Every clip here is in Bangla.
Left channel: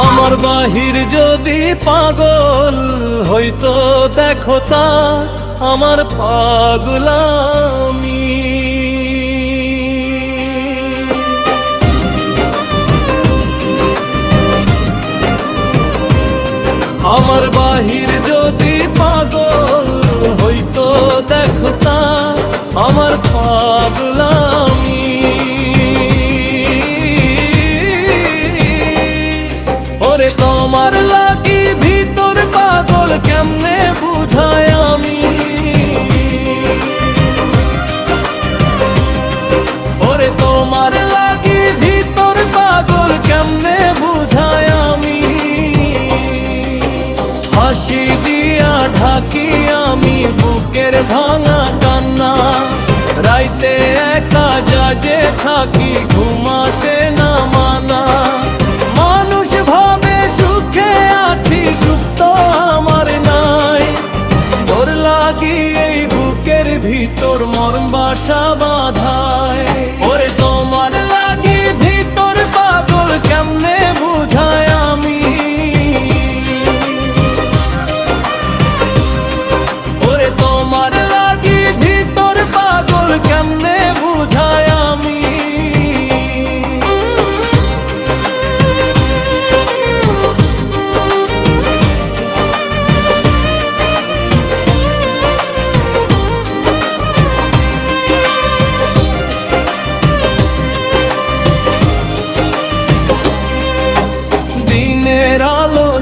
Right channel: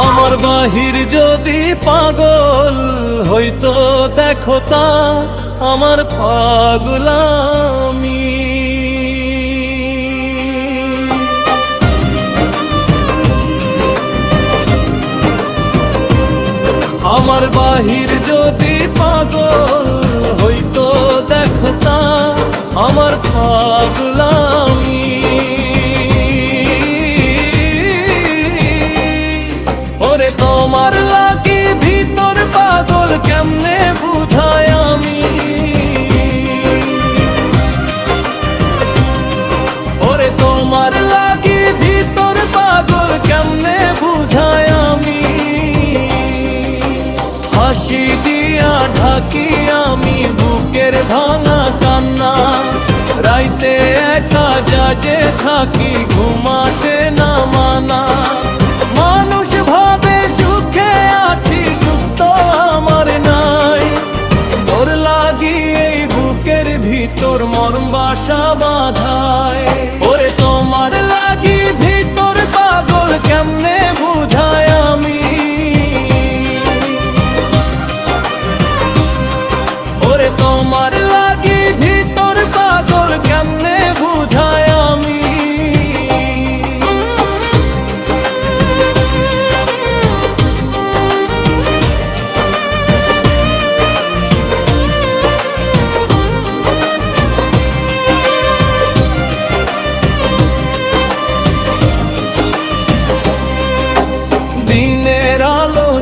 আমার বাহির যদি পাগল হইতো, দেখো তা আমার পাগলামি। আমার বাহির যদি পাগল হইতো, দেখো তা আমার পাগলামি। তোমার লাগি ভিতর পাগল কেমনে বুঝায় আমি? ওরে তোমার লাগি ভিতর পাগল কেমনে বুঝায় আমি? হাসি দিয়া ঢাকি আমি বুকের ভাঙা কান্না। রাইতে একা যাজে থাকি ঘুমাসে না মানা। মানুষ ভাবে আছি সুখ তো আমার নাই। তোর লাগি এই বুকের ভিতর মরম বাসা বাঁধায়। ওরে, তোমার লাগি ভিতর পাগল কেমনে বুঝায় আমি? ওরে, তোমার লাগি ভিতর পাগল কেমনে বুঝায় আমি?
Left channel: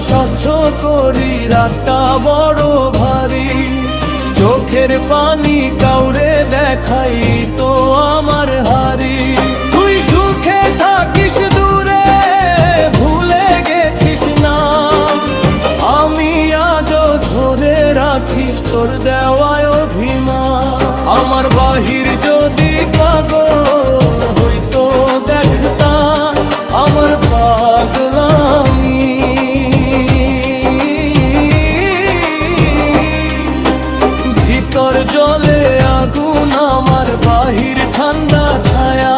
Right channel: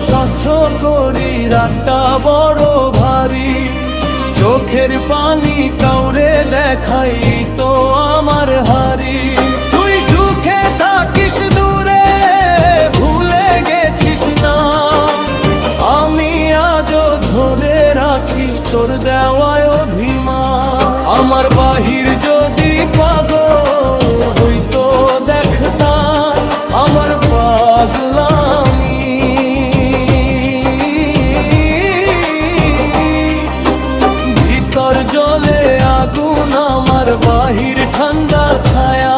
স্বচ্ছ করি, রাতটা বড় ভারী। চোখের পানি কাউরে দেখাই তো আমার হারি। তুই সুখে থাকিস দূরে, ভুলে গেছিস না। আমি আজও ধরে রাখি তোর দেওয়ায় অভিমান। আমার বাহির যদি পাগল হইতো দেখতা আমার পাগলামি ভিতর জলে আগুন, আমার বাহির ঠান্ডা ছায়া।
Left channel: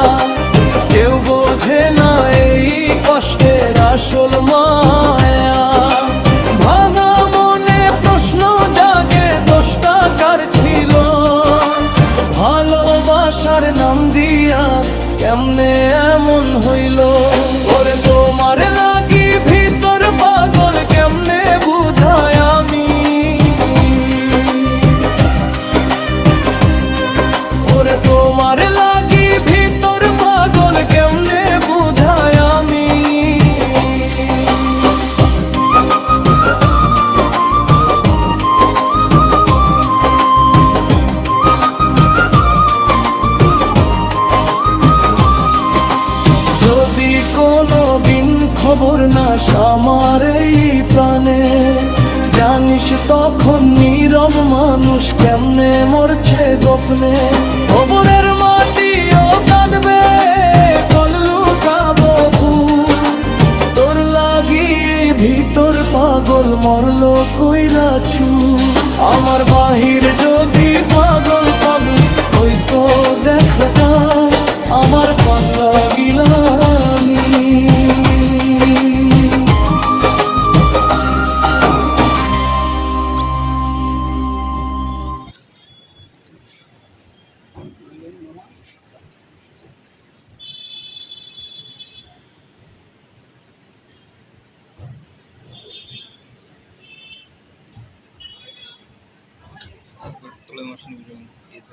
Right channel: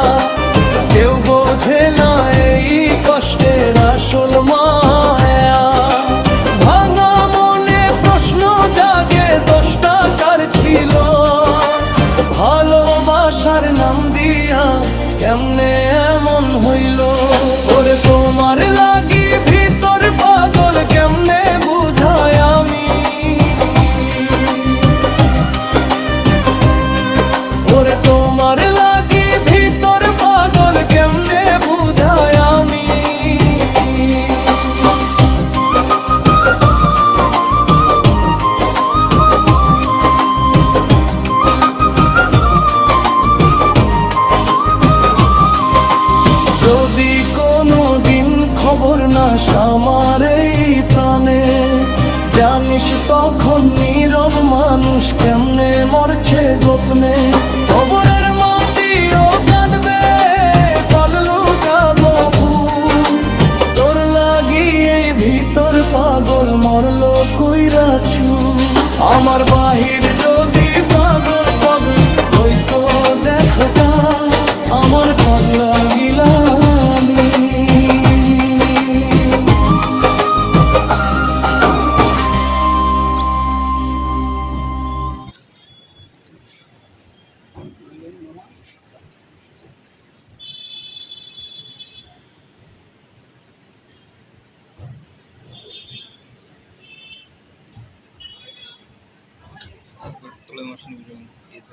কেউ বোঝে না এই কষ্টের আসল মায়া। ভাঙা মনে প্রশ্ন জাগে দোষটা কার ছিল? ভালোবাসার নাম দিয়া কেমনে এমন হইল? ওরে তোমার লাগি ভিতর পাগল কেমনে বুঝায়? তোমার লাগি ভিতর পাগল কেমনে বুঝায় আমি? যদি কোনো দিন খবর না আমার এই প্রাণে জানিস তখন নীরব মানুষ কেমনে মরছে গোপনে? কবরের মাটিও কাঁদবে, কল লুকাবো তোর লাগিয়ে ভিতর পাগল মরলো কইরা চু আমার বাহির যদি পাগল পাগল হইতো দেখো তা। আমার পাগলা Barcelona watching the game. Yes,